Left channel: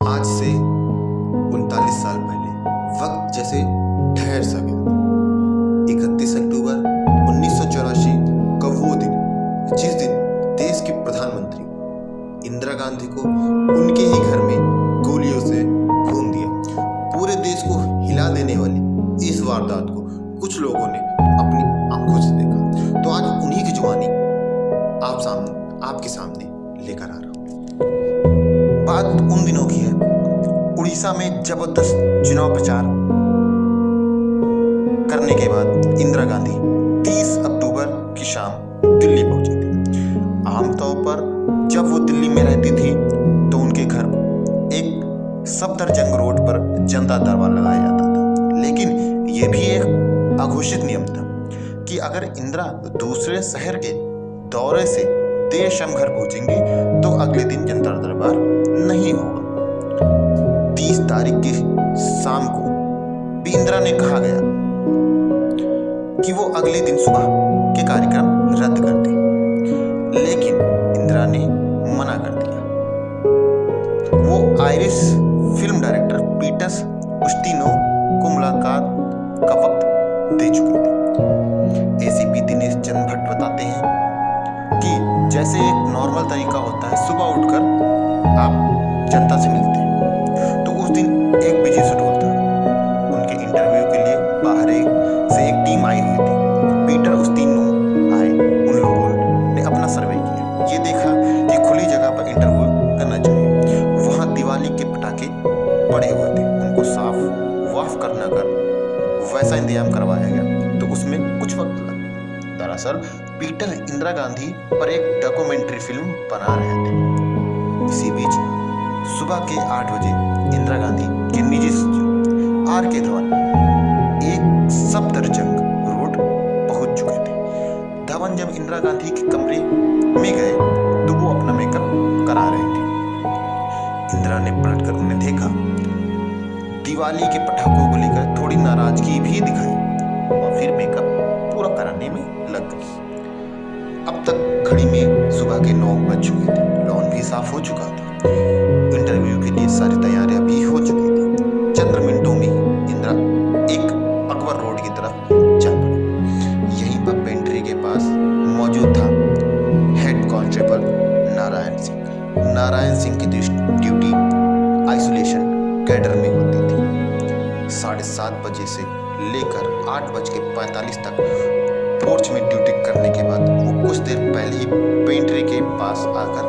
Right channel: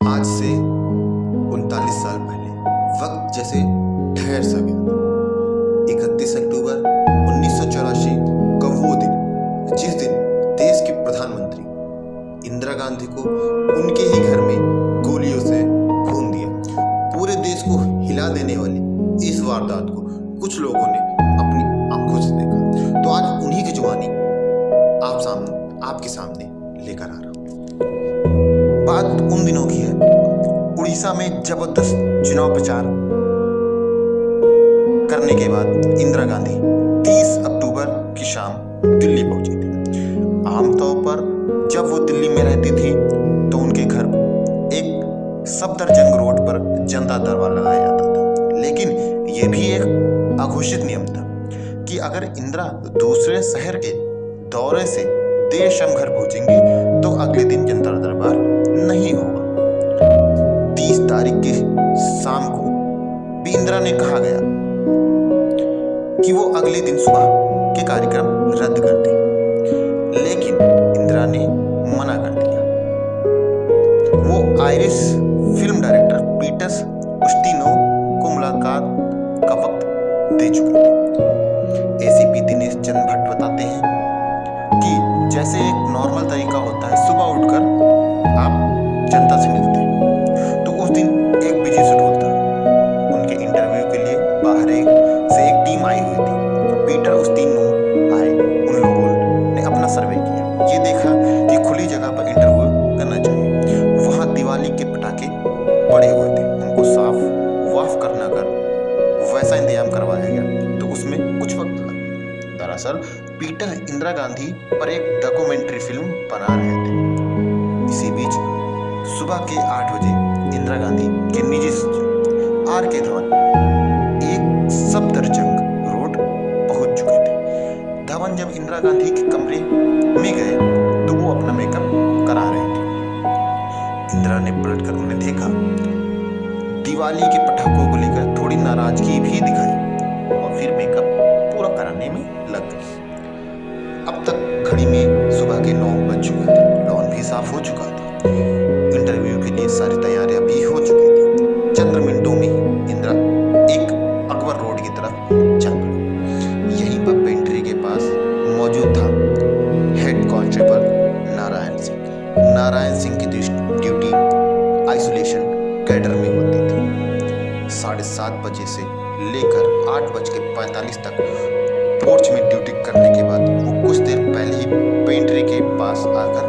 आज से 39 साल पहले वक्त जैसे ठहर सा गया था। 31 अक्टूबर 1984 का वो दिन, जिस दिन देश की प्रधानमंत्री इंदिरा गांधी को उनके ही घर में गोलियों से भून दिया। पूरे देश को हिला देने वाली इस वारदात को कुछ लोगों ने अपनी आंखों से देखा। तो आज उन्हीं की जुबानी आपके सामने लेकर आ रहा हूं। बात उन दिनों की है, उड़ीसा में जबरदस्त चुनाव प्रचार करने के बाद इंदिरा गांधी 30 अक्टूबर की शाम दिल्ली पहुंची थी। आमतौर पर जब वो दिल्ली में रहती थी तो उनके घर एक सफदरजंग रोड पर जनता दरबार लगाया जाता था, लेकिन यह भी एक अघोषित नियम था कि अगर इंदिरा दूसरे शहर के दौरे से देर शाम घर पहुंचेंगी तो अगले दिन जनता दरबार नहीं होगा। 30 तारीख की शाम को भी इंदिरा ने कहा गया कि वो अगले दिन सुबह के कार्यक्रम रद्द कर दें, लेकिन इंदिरा ने मना कर दिया। वो आयरिश फिल्म डायरेक्टर पीटर उस्टिनो को मुलाकात का वक्त दे चुके थे। एसीपी दिनेश चंद्र भट्ट बताते हैं कि जैसे एक नॉर्मल तरीका होता है, सुबह उठकर आप जनता से मिलते हैं, तो उस दिन एक बिजी शेड्यूल था। उनके इंटरव्यू के लिए बाहर से एक टीम आई हुई थी। पीटर उस्टिनो आए, उन लोगों ने अपना सर्वे किया, ये देखा कि खुली जगह पर इंटरव्यू करना चाहिए। वहाँ दिवाली के पटाखे पड़े हुए थे, उनको साफ वाफ करना कर वैसा इंतजाम करवाया गया, तो उसमें कुछ वक्त लगा। दरअसल पीटर इंदिरा गांधी पर एक डॉक्यूमेंट्री फिल्म बना रहे थे। इसी बीच सुबह के 8 बजे इंदिरा गांधी के निजी सचिव आर.के. धवन एक सफदरजंग रोड पहुंच चुके थे। धवन जब इंदिरा गांधी के कमरे में गए तो वो अपना मेकअप करा रहे थे। इंदिरा ने पलटकर उन्हें देखा। दिवाली के पटाखों को लेकर थोड़ी नाराजगी भी दिखाई और फिर मेकअप पूरा कराने में लग गई। अब तक घड़ी में सुबह के 9 बज चुके थे। लॉन भी साफ हो चुका था। इंटरव्यू के लिए सारी तैयारियां भी हो चुकी थी। चंद मिनटों में ही इंदिरा एक अकबर रोड की तरफ चल पड़ी। यहीं पर पेंट्री के पास मौजूद था हेड कांस्टेबल नारायण सिंह। नारायण सिंह की ड्यूटी आइसोलेशन कैडर में होती थी। 7:30 बजे से लेकर 8:45 तक पोर्च में ड्यूटी करने के बाद वो कुछ देर पहले ही पेंट्री के पास आकर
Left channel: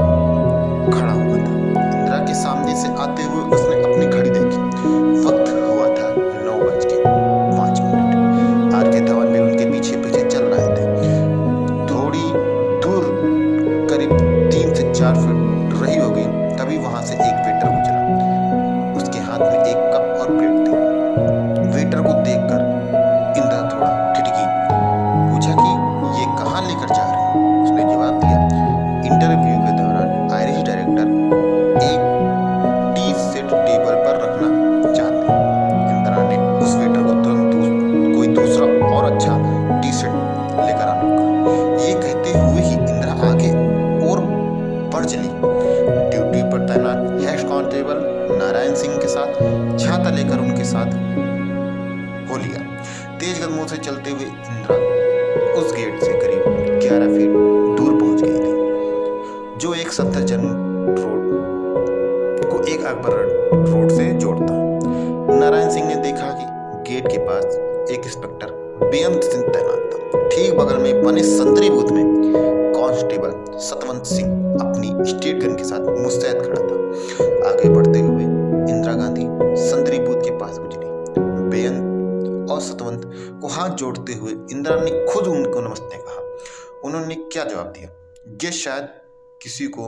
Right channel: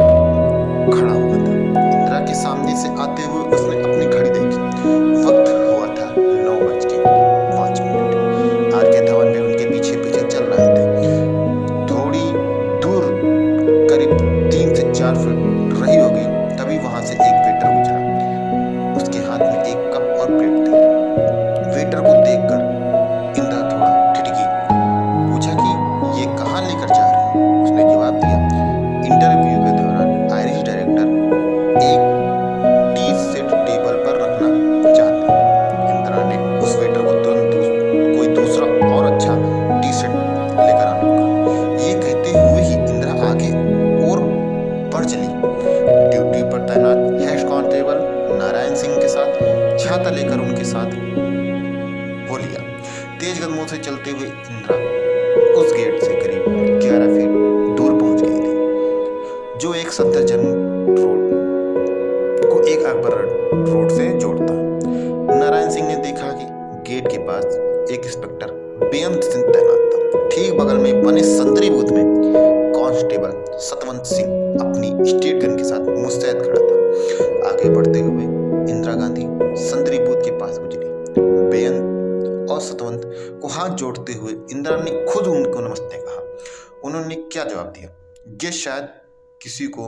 खड़ा हुआ था। इंदिरा के सामने से आते हुए उसने अपनी घड़ी देखी। वक्त हुआ था 9:05। आर.के. धवन भी उनके पीछे पीछे चल रहे थे। थोड़ी दूर करीब 3 से 4 फीट रही होगी, तभी वहां से एक वेटर गुजरा। उसके हाथ में एक कप और प्लेट थी। वेटर को देखकर इंदिरा थोड़ा ठिठकी, पूछा कि ये कहाँ लेकर जा रहे हो? उसने जवाब दिया, इंटरव्यू के दौरान आयरिश डायरेक्टर एक टी सेट टेबल पर रखना चाहते हैं। इंदिरा ने उस वेटर को तुरंत कोई दूसरा और अच्छा टी सेट लेकर आने को कहा। ये कहते हुए ही इंदिरा आगे और बढ़ चली। ड्यूटी पर तैनात हेड कांस्टेबल नारायण सिंह के साथ छाता लेकर उनके साथ हो लिया। तेज कदमों से चलते हुए इंदिरा उस गेट से करीब 11 फीट दूर पहुंच गई थी, जो एक सफदरजंग रोड को एक अकबर रोड से जोड़ता। नारायण सिंह ने देखा कि गेट के पास एक इंस्पेक्टर बेअंत सिंह तैनात था। ठीक बगल में बने संतरी बूथ में कांस्टेबल सतवंत सिंह अपनी स्टेट गन के साथ मुस्तैद खड़ा था। आगे बढ़ते हुए इंदिरा गांधी संतरी बूथ के पास गुजरी। बेअंत और सतवंत को हाथ जोड़ते हुए इंदिरा ने खुद उनको नमस्ते कहा। उन्होंने क्या जवाब दिया, ये शायद किसी को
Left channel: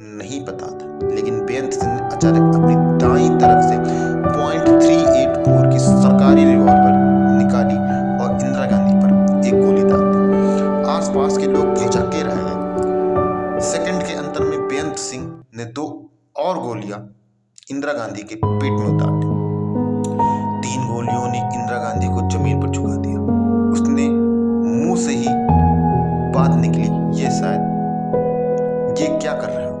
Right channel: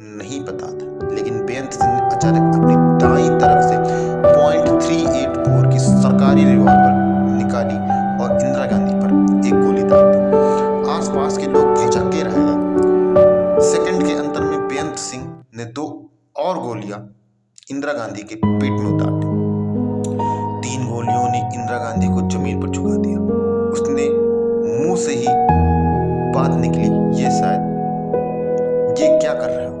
नहीं पता था, लेकिन बेअंत सिंह ने अचानक अपनी दाईं तरफ से .384 की सरकारी रिवॉल्वर निकाली और इंदिरा गांधी पर एक गोली दाग दी। आसपास के लोग भौचक्के रह गए। सेकंड के अंतर में बेअंत सिंह ने 2 और गोलियां इंदिरा गांधी के पेट में उतार दी। 3 गोलियों ने इंदिरा गांधी को जमीन पर झुका दिया। उसने मुंह से ही बात निकली, ये शायद ये क्या कर रहे हो?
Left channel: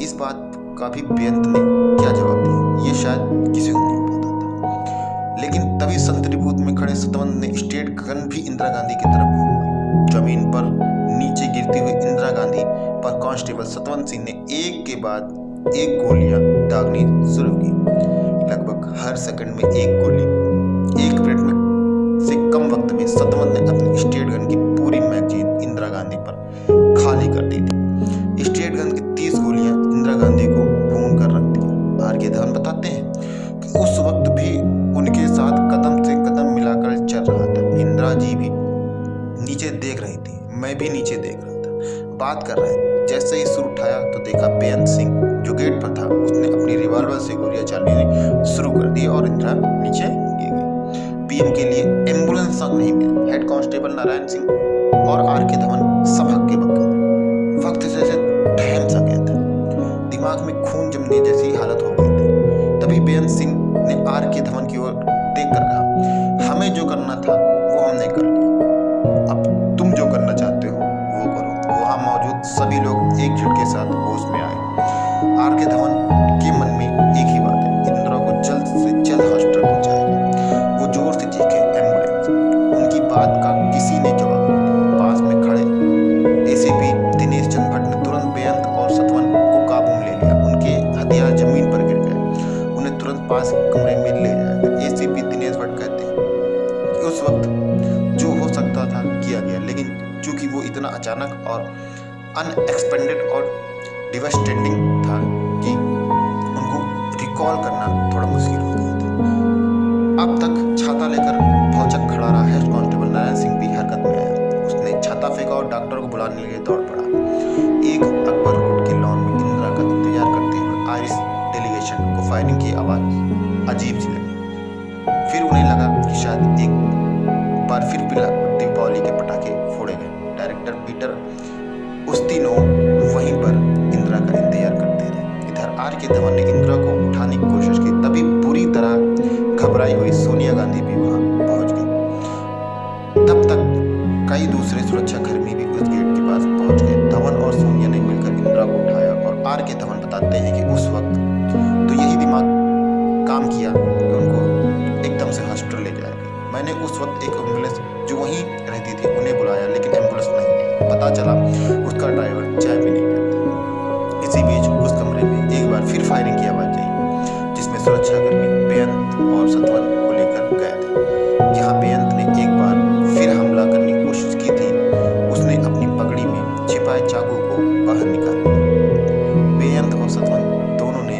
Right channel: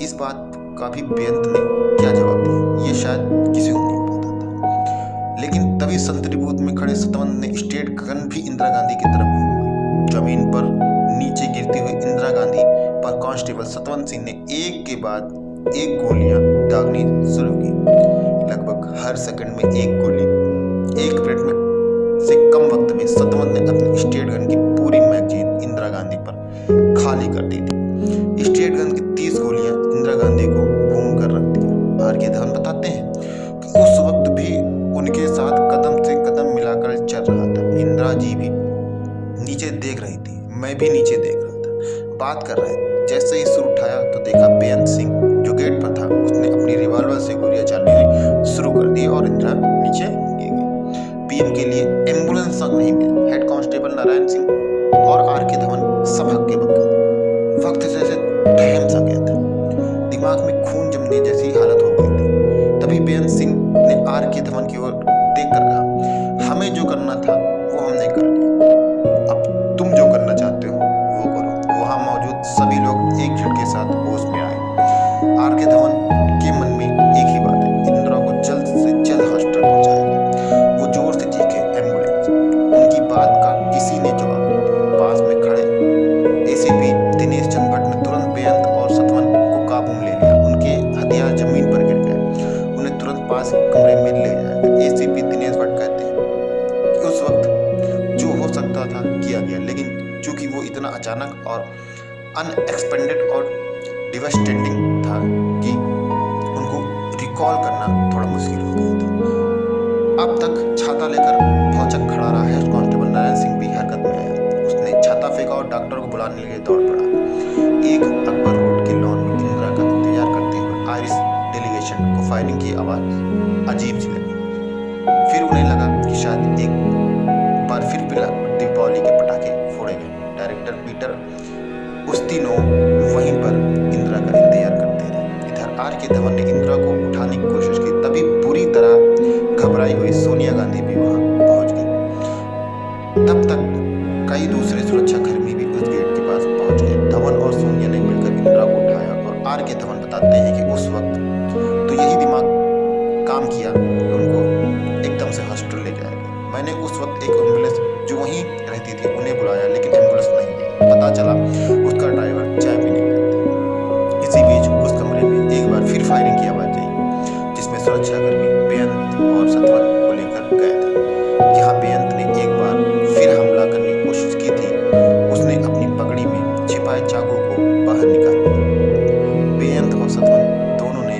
इस बात का भी बेअंत ने क्या जवाब दिया, ये शायद किसी को नहीं पता था। लेकिन तभी संतरी बूथ में खड़े सतवंत ने स्टेट गन भी इंदिरा गांधी की तरफ घुमाई। जमीन पर नीचे गिरती हुई इंदिरा गांधी पर कांस्टेबल सतवंत सिंह ने एक के बाद एक गोलियां दागनी शुरू की। लगभग हर सेकंड में एक गोली। 1 मिनट में से कम वक्त में सतवंत ने अपने स्टेट गन की पूरी मैगजीन इंदिरा गांधी पर खाली कर दी थी। स्टेट गन की 30 गोलियां इंदिरा गांधी को भून कर रख दिया। आर के धवन बताते हैं कि उस वक्त भी उनके साथ कदम से कदम मिलाकर चल रहा था। इंदिरा जी भी नीचे देख रही थी, मैं भी नीचे देख रहा था, बात कर रहे थे। जैसे ही सुर उठाया तो देखा बेअंत सिंह जो गेट पर था, उसने अपनी रिवॉल्वर से गोलियां चलानी शुरू कर दी और इंदिरा नीचे गिर गई। पीएम के लिए एम्बुलेंस तक नहीं मिली। हेड कांस्टेबल नारायण सिंह और आर के धवन सब हक्के बक्के। वक्त जैसे ठहम सा गया था, दिमाग में खून जमने जैसी हालत हो गई थी। तभी बेअंत सिंह ने आर के धवन की ओर देखकर कहा, हमें जो करना था वो हमने कर लिया, अब तुम जो करना चाहते हो वो करो। वहां मौजूद सभी लोग एक झटके साथ होश में आए। आर के धवन के मन में एक ही बात है, इंदिरा को जल्द से जल्द हॉस्पिटल पहुंचाया जाए। वो जोर से चीखे, एम्बुलेंस। उनकी बात का किसी ने जवाब नहीं दिया। पास में खड़े एसीपी दिनेश चंद्र भट्ट ने तुरंत बेअंत और सतवंत को काबू में ले लिया। उनके हथियार जमीन पर गिर गए। उन्हें तुरंत पास कमरे में ले जाया गया। एसीपी दिनेश भट्ट कहते हैं कि उस वक्त जो हो सकता था किया गया, लेकिन चूंकि वो इतना अचानक और अनएक्सपेक्टेड और डिवास्टेटिंग था कि उनको रिकॉल करना थोड़ा मुश्किल हो गया था। अब तक छाता लेकर भौचक खड़ा रहा हेड कांस्टेबल नारायण सिंह भी हरकत में आया। उसने छाता फेंका और डॉक्टर को बुलाने के लिए दौड़ पड़ा। एक अकबर रोड के लॉन में इंदिरा का इंतजार करते हुए आयरिश डेलीगेशन को फायरिंग की आवाज अजीब सी लगी। फिर उन्हें लगा कि शायद एक बार फिर दीपावली के पटाखे फोड़े गए। डायरेक्टर पीटर उस्तिनोव वहीं पर इंदिरा का इंतजार करते रहे। इधर आर के धवन ने इंदिरा को उठाने की कोशिश की। तभी बुरी तरह घबराई हुई सोनिया गांधी भी वहां पहुंच गई। तब तक कई दूसरे सुरक्षाकर्मी भी उस गेट के पास पहुंच गए। धवन और सोनिया ने मिलकर इंदिरा को उठाया और आर के धवन बताते हैं कि उस वक्त तो यही दिमाग काम किया कि उनको एकदम से हॉस्पिटल ले जाया गया। मैंने उस वक्त एक एम्बुलेंस जो वहीं रहती थी उन्हें बुलाया, लेकिन एम्बुलेंस नहीं है। पता चला उसका ड्राइवर चाय पीने गया था। इसी बीच उस कमरे में एक बार फिर फायरिंग की आवाज आई, जिसमें सुरक्षाकर्मी बेअंत और सतवंत को लेकर गए थे। यहाँ बेअंत ने एक बार फिर हमला करने की कोशिश की थी। उसने अपनी पगड़ी में छिपाए चाकू को बाहर निकाल लिया। बेअंत और सतवंत दोनों ने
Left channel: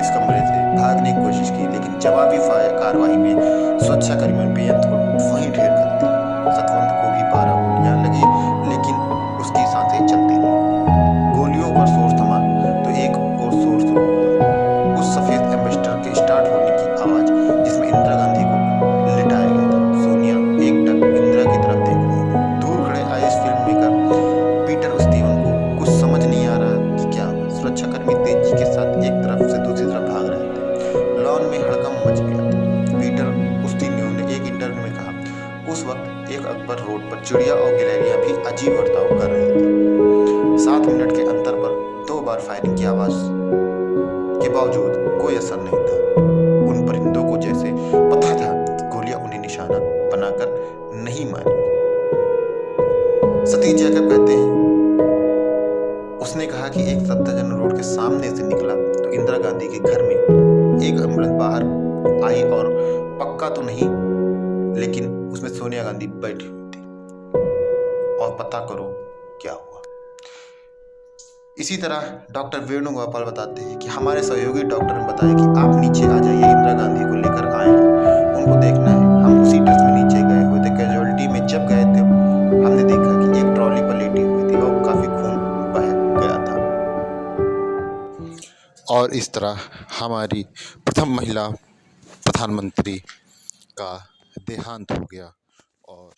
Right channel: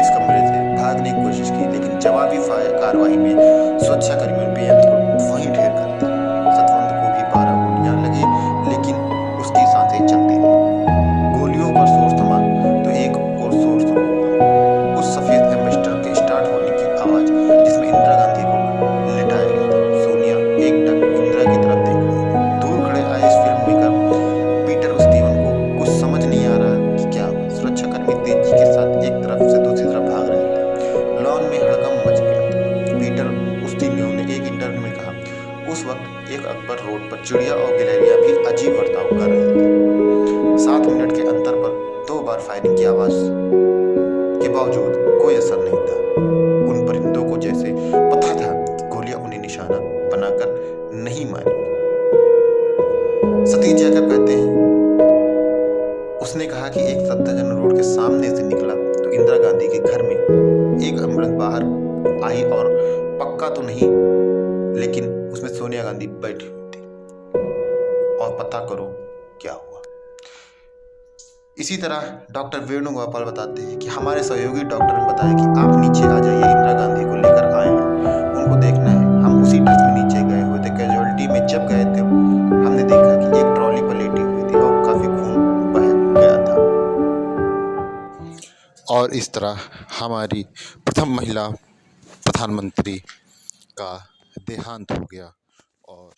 इस कमरे से भागने की कोशिश की, लेकिन जवाबी कार्रवाई में सुरक्षाकर्मियों ने बेअंत को वहीं ढेर कर दिया। सतवंत को भी 12 गोलियां लगी, लेकिन उसकी सांसें चलती रही। गोलियों पर शोर थमा तो एक और शोर शुरू हुआ, उस सफेद एम्बेसडर के स्टार्ट होने की आवाज, जिसमें इंदिरा गांधी को लिटाया गया था। सोनिया एकटक इंदिरा की तरफ देख रही थी। दूर खड़े आए इस फिल्म मेकर पीटर उस्तिनोव को कुछ समझ नहीं आ रहा कि क्या हुआ। सुरक्षाकर्मी तेजी के साथ एक तरफ से दूसरी तरफ भाग रहे थे। लॉन में हड़कंप मच गया था। पीटर उस्तिनोव ने एक इंटरव्यू में कहा, उस वक्त एक अकबर रोड पर चिड़िया और गिलहरियां भी अजीब बर्ताव कर रहे थे। 7 मिनट के अंतर पर 2 बार फायरिंग की आवाज के बावजूद कोई असर नहीं था। उन परिंदों को जैसे पता था गोलियां उन्हें निशाना बनाकर नहीं मारेंगी। सतीश जैकब कहते हैं, उसने कहा कि एक सफदरजंग रोड के सामने से निकला तो इंदिरा गांधी के घर में एक एम्बुलेंस बाहर आई और पक्का तो नहीं, लेकिन उसमें सोनिया गांधी बैठी हुई थी। और पता करो क्या हुआ। इसी तरह डॉक्टर वेणुगोपाल बताते हैं कि हमारे सहयोगी डॉक्टर ने बताया कि आप नीचे आ जाइए, इंदिरा गांधी को लेकर आए हैं, उनको देखना है। हम उसी ड्रेस में नीचे गए हुए थे। कैजुअलिटी में जब गए थे हमने देखा कि एक ट्रॉली पर लेटी हुई थी और काफी खून बह गया था। और इस तरह हमारी प्रथम महिला प्रधानमंत्री का देहांत हो गया। और